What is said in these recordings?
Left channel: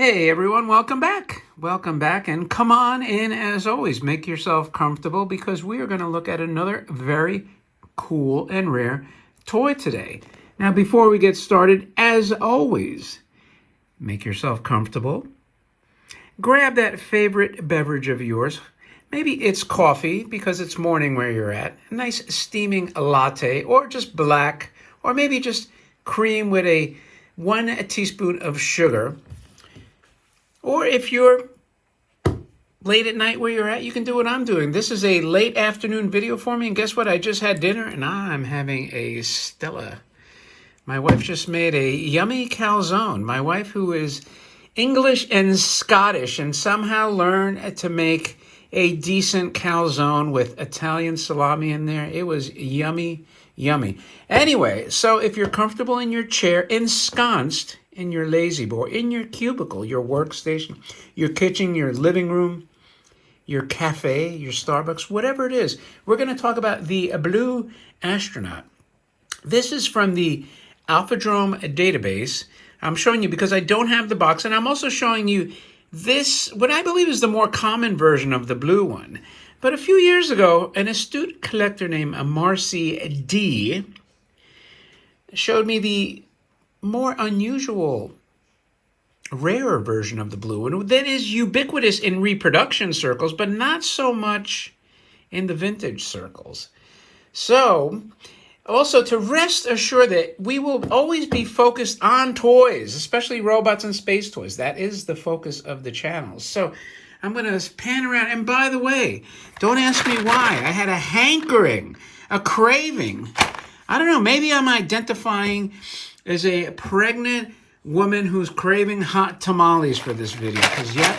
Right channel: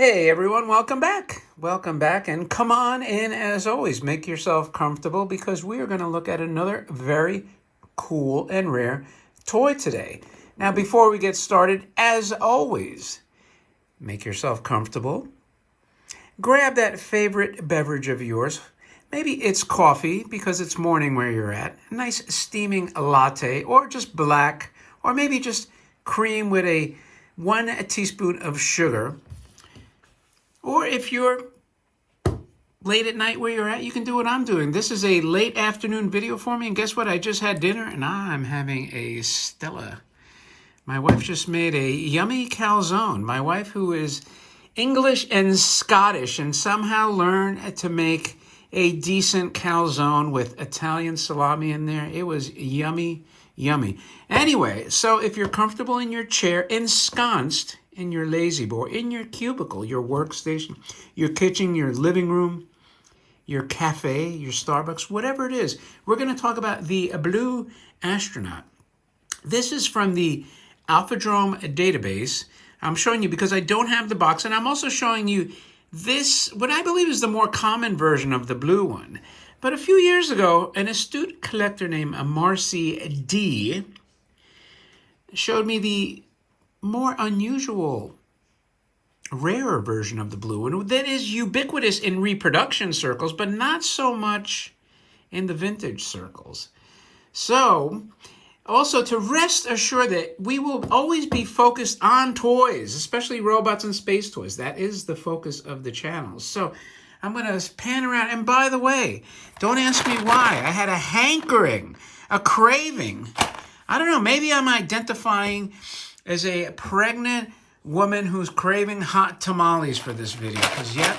Hey everyone, welcome back. Welcome back, and come on in as always. Make yourself comfortable because we are going to look at another very cool and rare toy today. Now, before we get started, as always, make yourself comfortable. Grab that favorite beverage of yours. Maybe it's coffee because it's morning where you're at. A nice steaming latte, or just black, or maybe just cream with 1 teaspoon of sugar. Or if you're late at night where you're at, you can do what I'm doing. This is a late afternoon video for me, and guess what? I just had dinner, and I'm having a Stella. My wife just made a yummy calzone. My wife, who is English and Scottish, and somehow learned to make a decent calzone with Italian salami in there. It was yummy, yummy. Anyway, so if you're comfortable in your chair, ensconced in your lazy boy, in your cubicle, your workstation, your kitchen, your living room, your cafe, your Starbucks, whatever it is, we're going to talk about the Blue Astronaut. This is from the Alphadrome database. I'm showing you because I don't have the box, and I'm also showing you this, what I believe is the more common version of the blue one. But a few years ago, an astute collector named Marcy D showed me the more unusual, rarer version of the blue one that is ubiquitous in reproduction circles, but not so much in the vintage circles. So, also to rest assured that we will always be focused on toys, especially robots and space toys. That is the focus of the channel. So I'm going to pan around. And by the way, don't ask me why. I had a hankering, a craving. I don't know, maybe I'm identifying as a pregnant woman who's craving hot tamales for this video. Because, yep,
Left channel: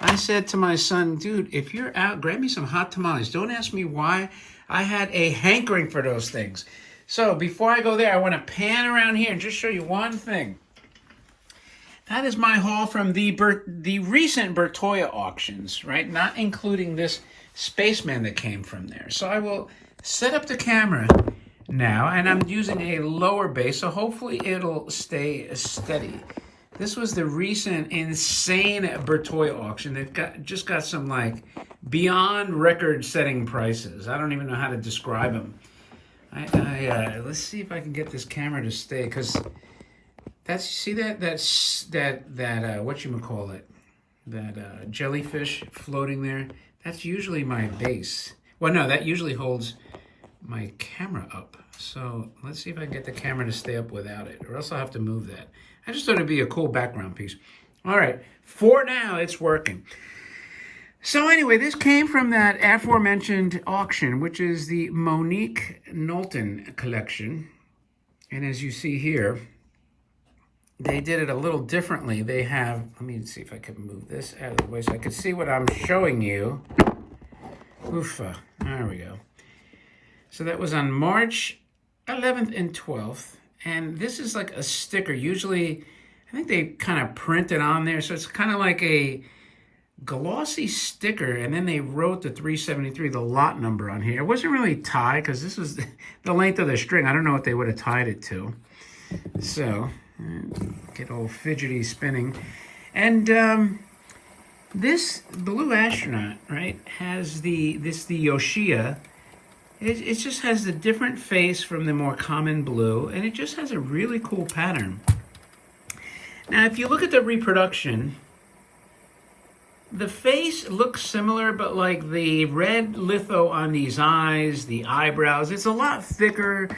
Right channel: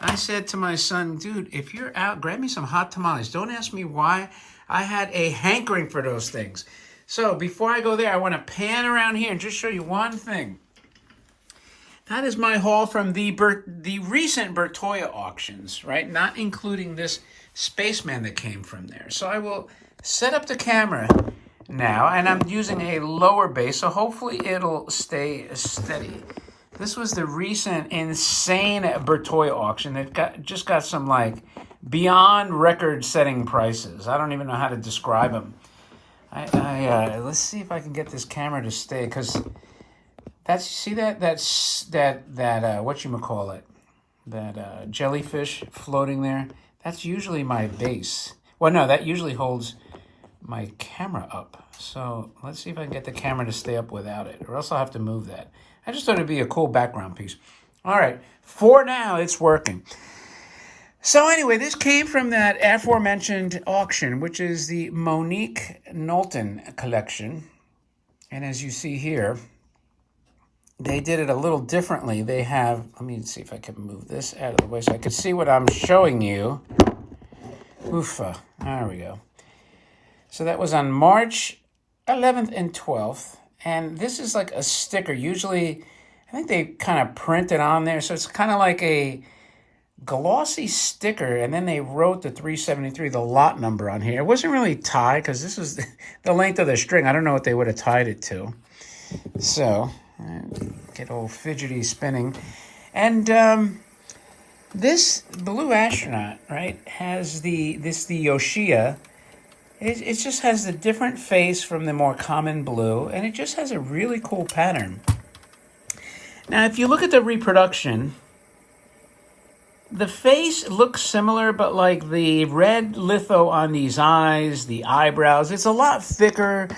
I said to my son, dude, if you're out, grab me some hot tamales. Don't ask me why. I had a hankering for those things. So before I go there, I want to pan around here and just show you one thing. That is my haul from the recent Bertoia auctions, right? Not including this spaceman that came from there. So I will set up the camera now, and I'm using a lower base, so hopefully it'll stay steady. This was the recent insane Bertoia auction. It just got some like beyond record-setting prices. I don't even know how to describe them. Let's see if I can get this camera to stay, because see that whatchamacallit, that jellyfish floating there. That's usually my base. Well, no, that usually holds my camera up. So let's see if I can get the camera to stay up without it, or else I'll have to move that. I just thought it'd be a cool background piece. All right, for now, it's working. So anyway, this came from that aforementioned auction, which is the Monique Knowlton collection. And as you see here, they did it a little differently. They have, let me see if I can move this out of the way so I can see what I'm showing you. Oofa, there we go. So that was on March 11th and 12th. And this is like a sticker. Usually, I think they kind of print it on there. So it's kind of like a glossy sticker, and then they wrote the 373, the lot number on here. It wasn't really tied because this was the length of the string. I don't know what they would have tied it to. So, get all fidgety spinning. And this Blue Astronaut, right, has the Yoshiya. It just has a different face from the more common blue, and it just has a really cool pattern. Now, if you look at the reproduction, the face looks similar, but like the red litho on these eyes, the eyebrows, it's a lot thicker.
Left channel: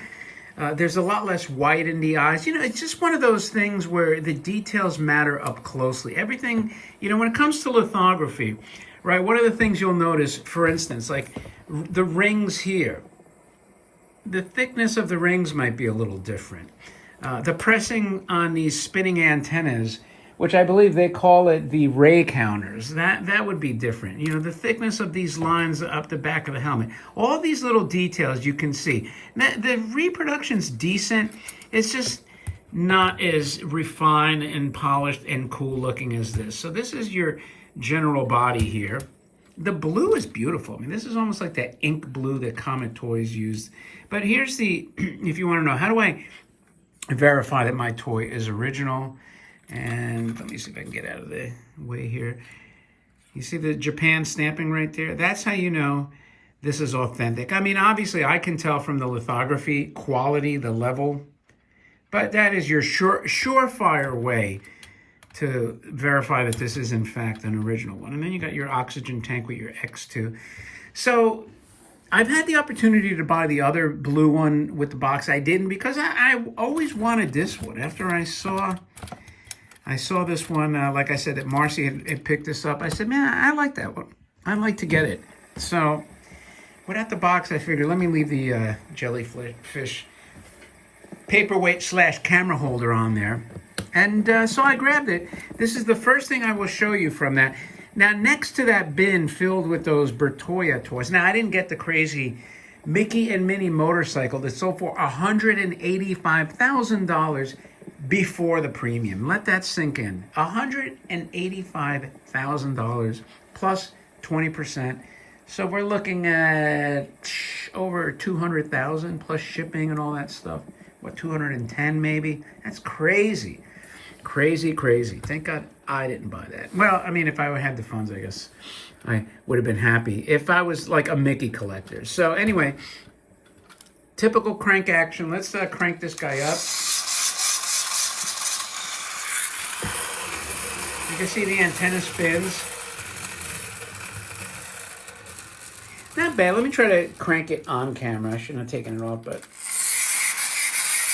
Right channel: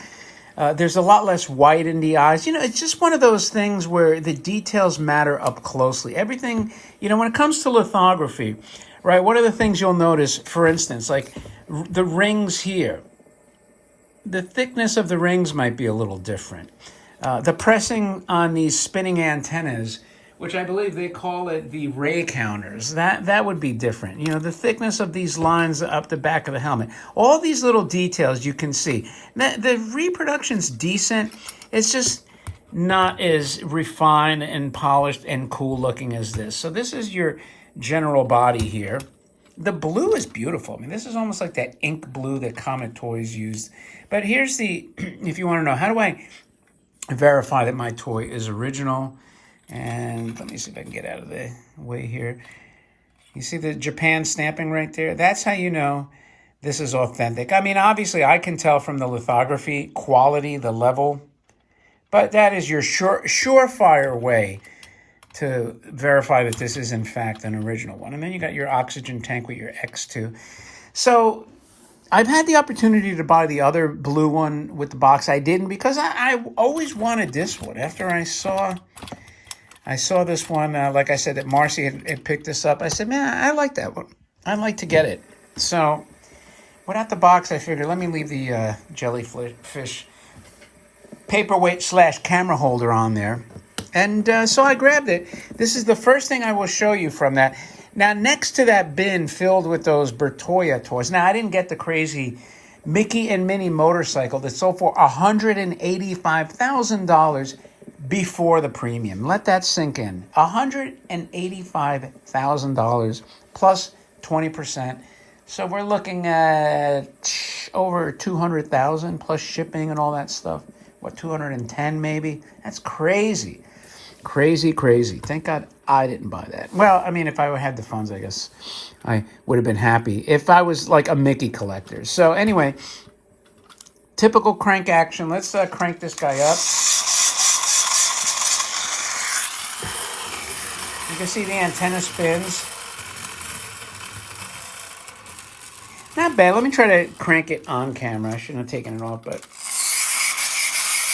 There's a lot less white in the eyes. You know, it's just one of those things where the details matter up closely. Everything, you know, when it comes to lithography, right, one of the things you'll notice, for instance, like the rings here, the thickness of the rings might be a little different. The pressing on these spinning antennas, which I believe they call it the ray counters, that would be different. You know, the thickness of these lines up the back of the helmet. All these little details you can see. Now, the reproduction's decent. It's just not as refined and polished and cool looking as this. So this is your general body here. The blue is beautiful. I mean, this is almost like that ink blue that Comet Toys used. But here's the, if you want to know, how do I verify that my toy is original? And let me see if I can get out of the way here. You see the Japan stamping right there? That's how you know this is authentic. I mean, obviously, I can tell from the lithography quality, the level, but that is your surefire way to verify that this is, in fact, an original one. And then you got your oxygen tank with your X2. So I've had the opportunity to buy the other blue one with the box. I didn't because I always wanted this one. After I saw this one, like I said, that Marcy had picked this up. I said, man, I like that one. I'd like to get it. So without the box, I figured let me leave the jellyfish paperweight / camera holder on there. And so I grabbed it. This is the first thing I will show you from that. Now, next to that bin filled with those Bertoya toys. Now, I didn't get the crazy Mickey and Minnie motorcycle that sold for $185,000 before the premium. Let that sink in. $185,000 plus 20%. So we're looking at over $200,000 plus shipping and all that stuff. What, 210 maybe? That's crazy. Crazy. Thank God I didn't buy that. Well, I mean, if I had the funds, I guess I would have been happy if I was like a Mickey collector. So anyway, typical crank action. Let's crank this guy up. You can see the antenna spins. Not bad. Let me try to crank it on camera. I shouldn't have taken it off, but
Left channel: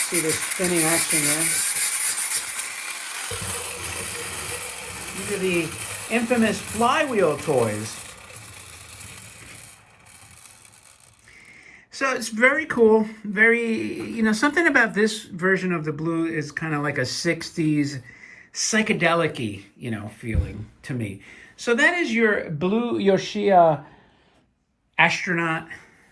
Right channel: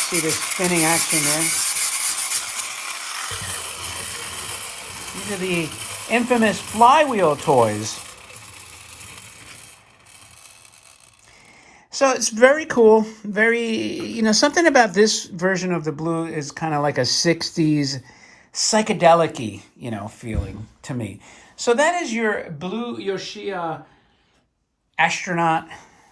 see this spinning action there. These are the infamous flywheel toys. So it's very cool. Very, something about this version of the blue is kind of like a 60s psychedelic-y, feeling to me. So that is your blue Yoshiya astronaut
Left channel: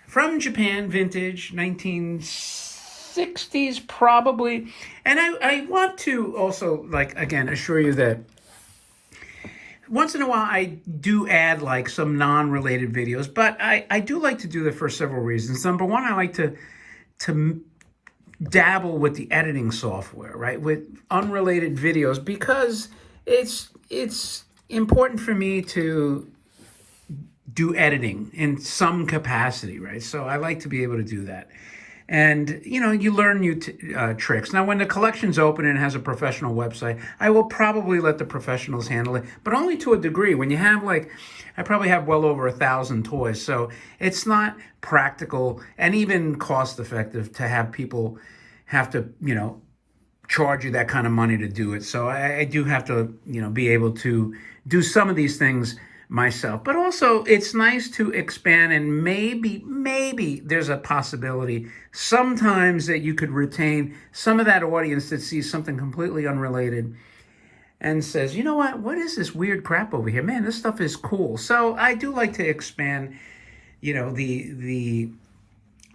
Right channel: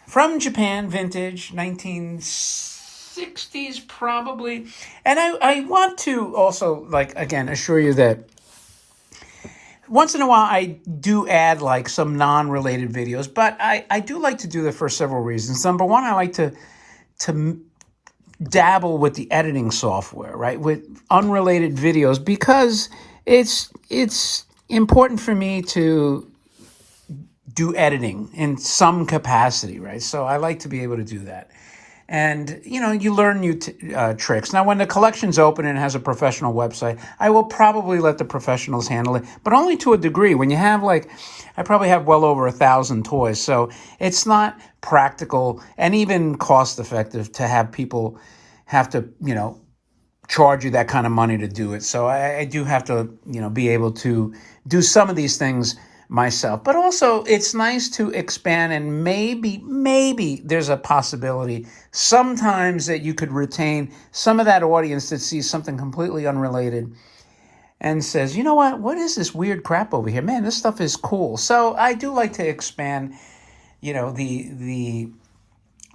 from Japan, vintage, 1960s probably. And I want to also, again, assure you that once in a while I do add some non-related videos, but I do like to do that for several reasons. Number one, I like to dabble with the editing software, right, with unrelated videos, because it's important for me to do editing in some capacity, right? So I like to be able to do that. And, you learn new tricks. Now, when the collection's open and has a professional website, I will probably let the professionals handle it, but only to a degree. When you have, I probably have well over 1,000 toys, so it's not practical and even cost-effective to have people have to, charge you that kind of money to do it. So I do have to, be able to do some of these things myself. But also, it's nice to expand, and maybe there's a possibility sometimes that you could retain some of that audience that sees something completely unrelated and says, you know what is this weird crap over here? Man, this stuff is cool. So I do like to expand, the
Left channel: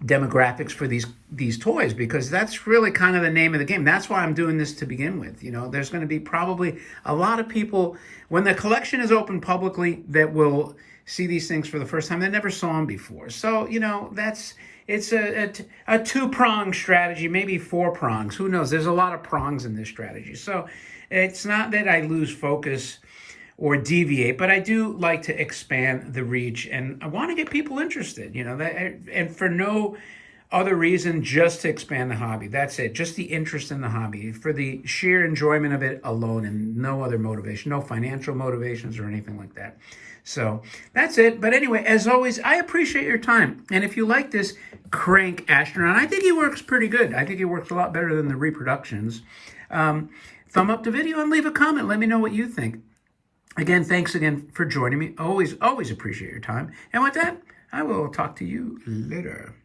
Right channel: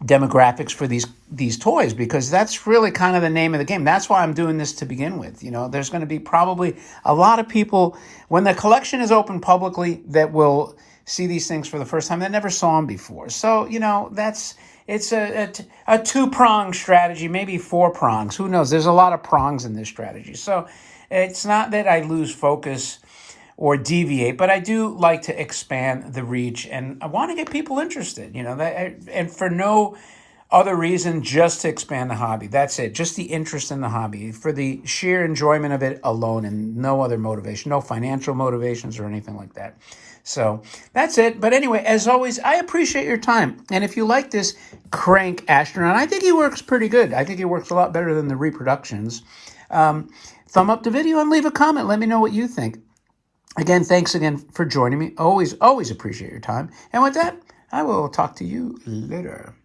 demographics for these toys, because that's really kind of the name of the game. That's why I'm doing this to begin with. There's going to be probably a lot of people when the collection is open publicly that will see these things for the first time. They never saw them before. So, it's a two-pronged strategy, maybe 4 prongs. Who knows? There's a lot of prongs in this strategy. So it's not that I lose focus or deviate, but I do like to expand the reach, and I want to get people interested, and for no other reason, just to expand the hobby. That's it, just the interest in the hobby, for the sheer enjoyment of it alone, and no other motivation, no financial motivations or anything like that. So that's it. But anyway, as always, I appreciate your time. And if you like this crank astronaut, I think he works pretty good. I think he works a lot better than the reproductions. Thumb up the video and leave a comment. Let me know what you think. Again, thanks again for joining me. Always appreciate your time. And with that, I will talk to you later.